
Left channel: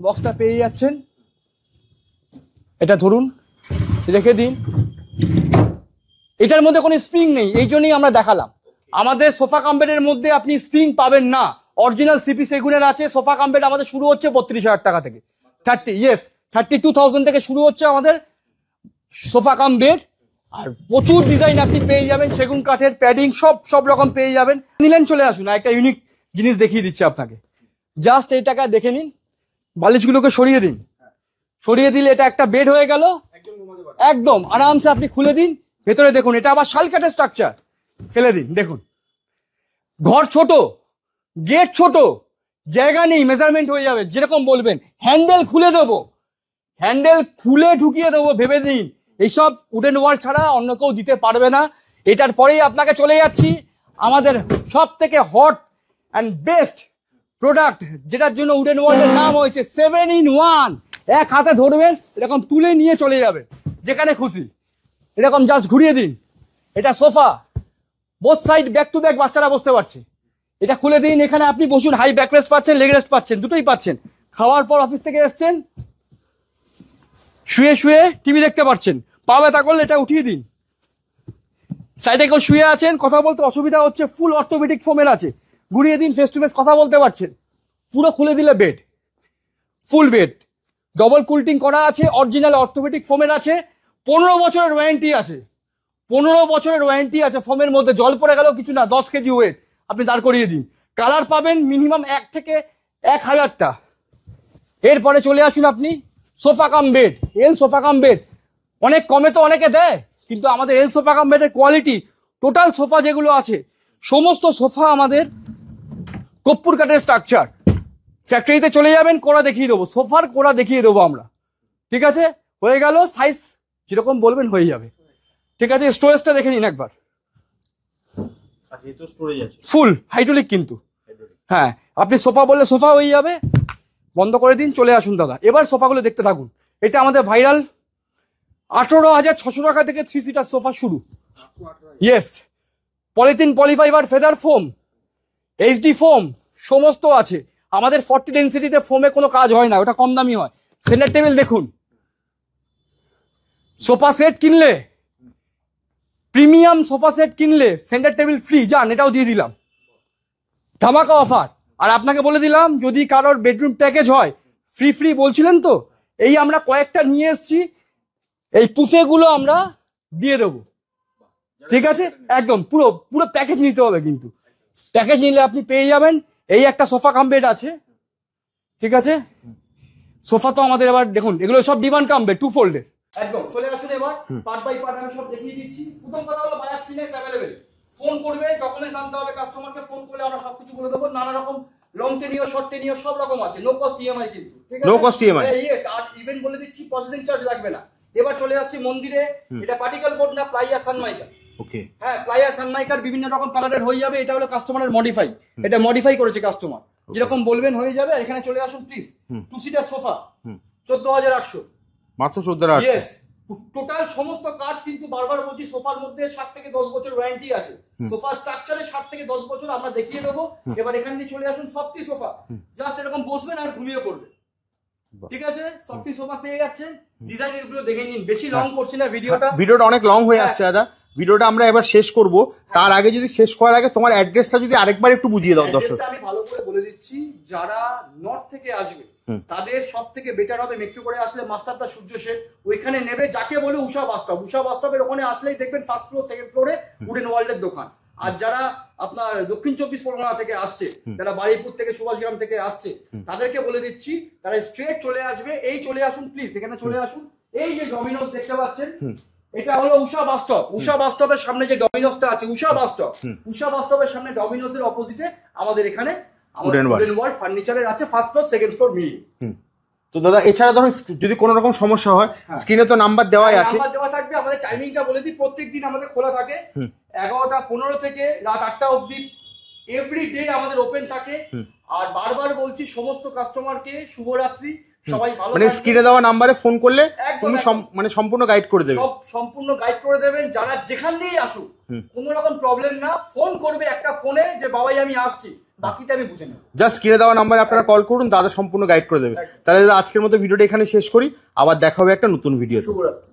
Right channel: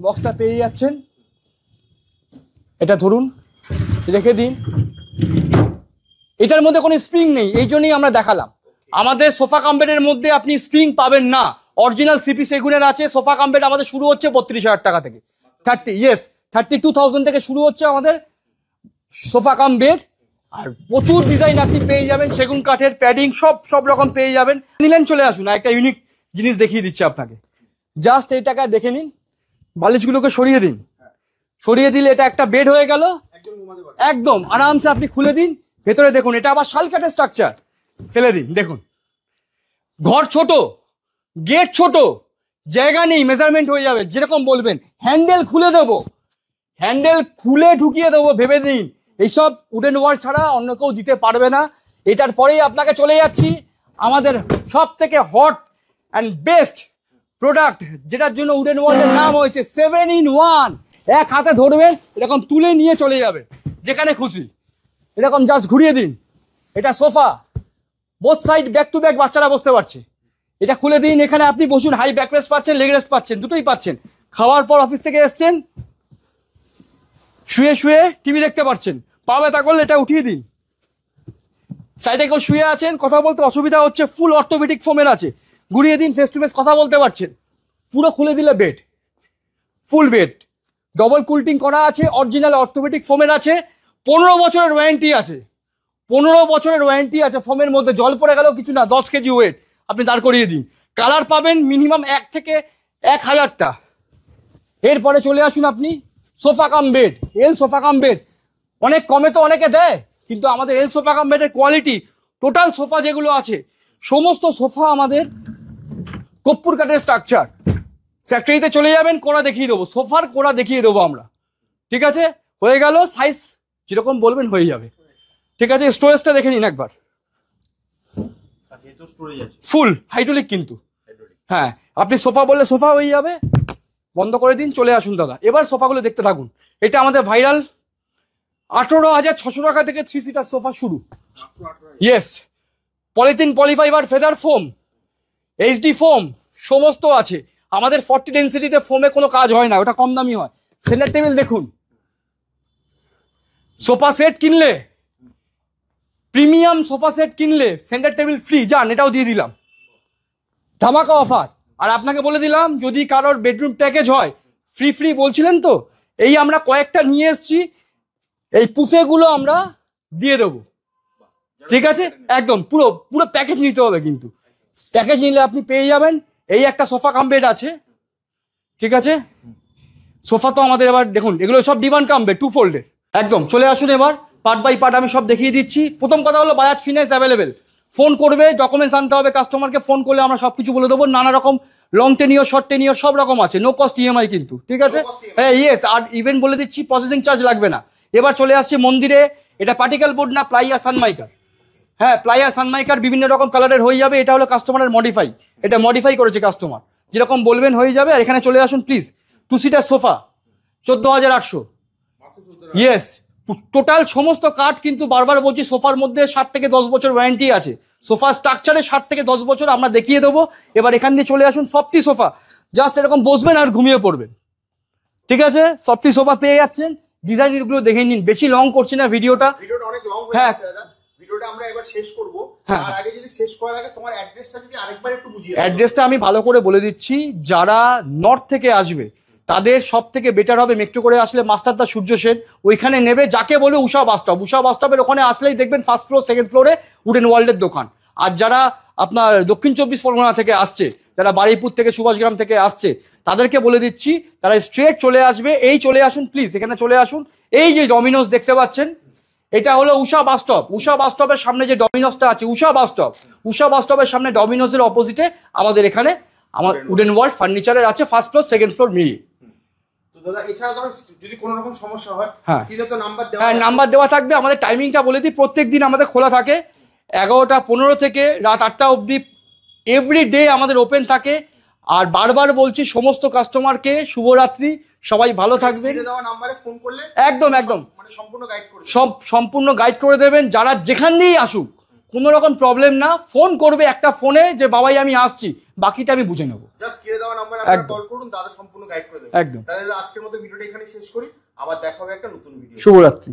বক্সটা পেয়ে যাচ্ছেন। এটা ধরুন, রেখে দিন। এটার মধ্যে কোনো স্প্রিং নেই, এই জন্যই আমরা দেখালাম। আমাদের সোফা কাম বেডের মধ্যে আপনি স্প্রিং পাবেন না। অরিজিনাল সিপি সেগুনের আছে। সোফা কাম বেড আমাদের শুরু হচ্ছে 32,000 টাকা থেকে, 32,000 থেকে শুরু হচ্ছে আমাদের সোফা কাম বেড। আর প্রচুর ডিজাইন আপনি পেয়ে যাবেন, সেগুন কাঠের প্যাডিং সব রকম পেয়ে যাবেন। নিলেন, চলে আসুন, একটা ইউনিক জিনিস দেখিয়ে দিচ্ছি আপনাকে। জাস্ট এই টাকা দেখে নিন, বালিশগুলোকে সরিয়ে দিন, সরিয়ে দিলে এটা একটা বেড হয়ে গেল। একদম আরামসে আপনি খুলে দিন, ভেতরে দেখুন এটা আবার শাল কাঠের স্ট্রাকচার। ফেলে দিন, দেখুন ঘর ছোট, গেট ছোট, জায়গা নেই, মেজারমেন্ট হয়ে যাবে যেরকম বলবেন। হ্যান্ডেল খুলে দেবো, হ্যান্ডেল খুলে ঢুকিয়ে দেবো, ভেবে নিন। এইসব উডেন ওয়াল ছাড়া অন্য কেউ দিতে পারবে না। এটার পরেই আপনাকে চলে যাচ্ছি আমাদের সব থেকে হট অ্যান্ড বেস্ট প্রোডাক্ট, যেটার জন্য উডেন ওয়ার্ল্ডের নাম হয়েছে 7-in-1। এক হাতে ধরবে, এরকম তুলে নিয়ে চলে যাবে যেখানে খুশি, এরকম জাস্ট ঘুরিয়ে দিন। এটা sofa, both side back to back বাচ্চারা বসতে পারছে। এটা খুলে দিন, এখানে আপনি বসুন, হাই ব্যাক রেস্ট পাচ্ছেন, লেগ রেস্ট পাচ্ছেন, দুটোই পাচ্ছেন। খাওয়ার পর অফিস থেকে এসছেন, শুয়ে শুয়ে টিভি দেখতে পারছেন, পা ব্যথা করলে এটা উঠিয়ে দিন। সাইডে কেউ শুয়ে আছেন, কথা বলতে অসুবিধা হচ্ছে, ফুল অর্থোপেডিক ফোমের আছে, ঘুরিয়ে দিন, ফেস টু ফেস কথা বলতে পারছেন। পুরো খুলে দিলে বেড, ফুল বেড, ডবল কুলটিং করা আছে, অরিজিনাল অর্থোপেডিক ফোমের আছে, 15 বছরের ওয়ারেন্টি আছে। 15 বছরের ওয়ারেন্টি আছে। ফোমের মধ্যে জল পড়ে গেলেও কিছু না, 10 কেজি ওয়েট আপনি দাঁড় করিয়ে দিন। কালার পাবেন মিনিমাম 1 থেকে 1,000টা। এরপরে চলে আসুন আপনি সোফা কাম বেড, এল সোফা কাম বেড। অনেক কমে তো অনেকে দেয়, কিন্তু আমাদের এল সোফা কাম বেডের কোয়ালিটি, টোটাল সোফা যেগুলো আছে সমস্ত সোফা আমাদের কর্পূর কাঠের স্ট্রাকচার। ফ্যাক্টরিতে চলে যাবেন, কোড়া দেখিয়ে দেবো, সোফার কোড়া দেখিয়ে দেবো আমরা। ঠিক আছে, হয়ে গেল, সাইজ যেরকম বলবেন হয়ে যাবে। ঠিক আছে, স্টোরেজটা দেখে নিন একবার, ফুল হাইড্রোলিক কিন্তু। হ্যাঁ, আপনি সোফা বললে সোফা হয়ে যাবে। বন্ধ করে দিন, চলে আসুন দাদা। এবার সোফাগুলো দেখতে থাকুন। এটা আমাদের ভাইরাল 18,600 টাকা থেকে 3 সিটার সোফা শুরু। Yes, polythene, polyfibre, feather foam, HD foam সমস্ত আছে আমাদের। 40 ডেন্সিটিতে ফোমে কোনো কাজ হয় না, ওটা কম দামি হয়। সেন্টার টেবিল দেখুন, সোফা সেট কিনলে, প্রিমিয়াম সোফা সেট কিনলে সেন্টার টেবিল ফ্রি, যান, এটাও দিয়ে দিলাম, ধামাকা অফার। আর আপনাকে বলে দিলাম, যদি কারোর বেডরুম প্যাকেজ হয় ফ্রি বলছিলেন তো, এই আমরা কয়েকটা নিয়ে এসেছি, এই পুফে গুলো আমরা দিয়ে দেবো। ঠিক আছে, একদম পুরো প্যাকেজ নিতে হবে, কিন্তু প্যাকেজ নিলে আপনি পেয়ে যাবেন এই একটা সোফা কাম বেড আছে। ঠিক আছে, সোফা তো আমাদের আবার দেখুন, এগুলো সব ডিভান কাম বেড, 2 ফোল্ডের। একদম চলে আসুন, এবার পার্ট বাই পার্ট আমি সব দেখিয়ে দিচ্ছি। প্রথম কথা হলো বাজাজ ফিনান্স অ্যাভেলেবেল। ফোন করবে, ডকুমেন্টস আনতে হবে, কাস্টমারকে ফোন করলে আমরা সবকিছু বলে দেবো। নানা রকম লং টেনিওর, শর্ট টেনিওর সব রকম আছে, নো কস্ট ইএমআই কিন্তু। ঠিক আছে, হ্যাঁ, ইয়েস। আর ইভেন বলে দিচ্ছি, প্রসেসিং চার্জ লাগবে না। এবার চলে আসছে মন্দিরে, এটা পার্টিকেল বোর্ড না, প্লাইয়া সানমাইকার। হ্যাঁ, প্লাইয়া সানমাইকার বিভিন্ন রকম কালারের হয়ে যাবে। এটা হলো কাস্টমারের মডিফাই, এটা মডিফাই করেছে কাস্টমার, যেরকম বলবেন হয়ে যাবে। আর এখানে চলে আসুন প্লিজ, 2 সিটার সোফা 14,800 মাত্র। 14,800, ইয়েস। টোটাল সমস্ত কাঠ কিন্তু, বারবার বলছি, সোফার মধ্যে 7 থেকে 10 বছর ওয়ারেন্টি আছে। সোফা স্ট্রাকচারে 7 থেকে 10 বছর আমরা দেখিয়ে দেবো। এবার এখান দিয়ে চলে আসুন, সফটি সোফা, জাস্ট এরকম বসবেন আর ঘুমিয়ে পড়বেন। ঠিক আছে, সফটি সোফা পেয়ে যাচ্ছেন। ডিজাইন গুলো দেখে নিন, বেশি লং করছি না ভিডিওটা অনেক লং হয়ে আসছে দাদা। ভিডিওটা আমরা এবার শেষ করব, তার আগে যদি শেষ করার আগে তোমার অ্যাড্রেসটা যদি আরেকবার একটু বুঝিয়ে দাও। অ্যাড্রেসটা আমি ভালো করে বলে দিচ্ছি, যারা নর্থ থেকে আসবে তাদের সব থেকে বেটার হবে মেট্রো করে আসলে মাস্টারদা সূর্য সেন, ওইখানে নেবে। যাকে বলবে উষা বাস স্টপ, উষা বাস স্টপের ওখানে আসলেই দেখবেন ফার্স্ট ফ্লোর, সেকেন্ড ফ্লোরে উডেন ওয়ার্ল্ডের দোকান। আর যারা আপনার দক্ষিণ 24 পরগনা থেকে আসছে, যারা বারুইপুর থেকে, সুভাষগ্রাম থেকে আসছে, তাদেরকে বলে দিচ্ছি তারা স্ট্রেট চলে আসবে। এই চলে আসুন প্লিজ, এখানে চলে আসুন। এই যে ডমিনোস দেখতে পাচ্ছেন, এটা হলো উষা বাস স্টপ। উষা বাস স্টপের সামনে যে ডমিনোসটা আছে, উষা বাস স্টপ, উষা বাস স্টপের সামনে ডমিনোসের অপোজিটে আমাদের এখানে আমাদের উডেন ওয়ার্ল্ড ফার্নিচারের আছে, ফার্স্ট ফ্লোর, সেকেন্ড ফ্লোর মিলিয়ে। তো দাদা, এছাড়া ধরো যদি কোনো রকম সমস্যা হয়, স্ক্রিনে তো নাম্বার দেওয়া আছে, নাম্বার দেওয়া থাকবে। আমাদের টাইমিংটা বলে দিই, প্রত্যেকদিন আমাদের খোলা থাকে 11টা 15 থেকে রাত 8টা অবধি, এভরি ডে আমাদের ওপেন থাকে। আর বারবার বলছি সমস্ত কাস্টমারকে শুভরাত্রি, সবাই ভালো থাকবেন। স্ক্রিনে দেওয়া নম্বরে ফোন করলে একদম মানে সম্পূর্ণ গাইড করে দেবেন, সম্পূর্ণ গাইড করে দেবেন। যারা যেখান দিয়েই আসুক, কোনো রকম প্রবলেম না, ফোন করবে একটা ফোনে যে বাবাই আমি আসছি, বাকিটা আমি বুঝে নেবো। জাস্ট স্ক্রিনে দেওয়া নম্বরে আপনারা কল করুন, দাদা সম্পূর্ণ গাইড করে দেবেন। তাহলে আজকের মতো ভিডিওটা এখানে শেষ করি, আবার দেখা হবে একটা নতুন ভিডিও। শুভরাত্রি।